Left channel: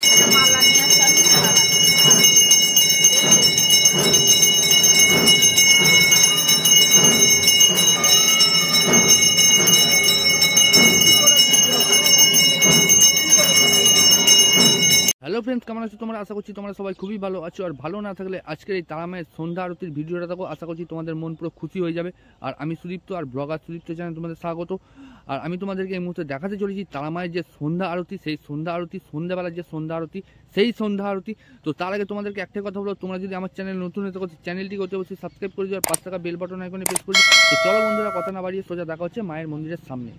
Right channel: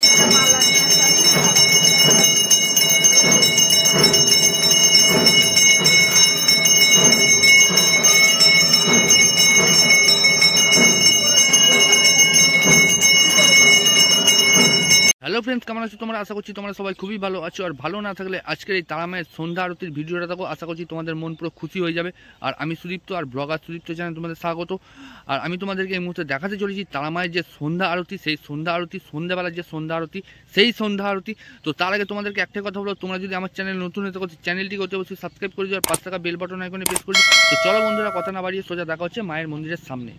Hello friends, কেমন আছো তোমরা? আশা করছি তোমরা সবাই খুবই ভালো আছো। আর ভালো না থাকলে আজকের এই তারামায়ের সন্ধ্যা আরতির ভিডিওটা দেখো, আশা করছি তোমাদের মন পুরো খুশি হয়ে যাবে। আর আমি সুদীপ্ত, আর ব্লগার সুদীপ্ত চ্যানেল তোমাদের স্বাগত। আর আমি তোমাদেরকে এই মুহূর্তে দেখাতে চলেছি তারামায়ের যে সন্ধ্যা আরতি, সেই সন্ধ্যা আরতি, সন্ধ্যাবেলার যে সন্ধ্যা আরতি, সেই সন্ধ্যা আরতি। তো তার আগে তোমাদেরকে একটাই কথা বলো, তোমরা যদি আমার চ্যানেল নতুন হতে করছো, চ্যানেলটিকে অবশ্যই সাবস্ক্রাইব করে দিও, আর পাঁচ টাকা বেল বাটন আইকনে প্রেস করে দিও। তো চলো বন্ধুরা, কথা না বাড়িয়ে সোজা দেখা হচ্ছে মায়ের মন্দিরের সামনে।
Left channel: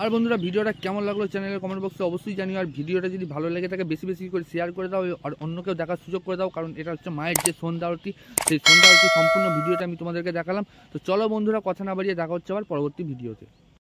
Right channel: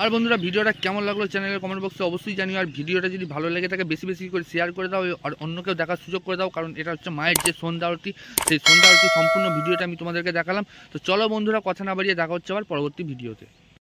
আর বন্ধুরা ভিডিওটা কেমন লাগলো চ্যানেলের কমেন্ট বক্সে অবশ্যই জানিও। আর ভিডিওটা যদি ভালো লেগে থাকে বেশি বেশি করে শেয়ার করে দাও আর অন্যকেও দেখার সুযোগ করে দাও, কারণ এটা হচ্ছে মায়ের যে সন্ধ্যা আরতি, সেই সন্ধ্যা আরতি সম্পূর্ণ ভিডিওটা আমি তোমাদেরকে দেখালাম। তো চলো বন্ধুরা কথা না বাড়িয়ে দেখা হচ্ছে আবার পরবর্তী ভিডিওতে।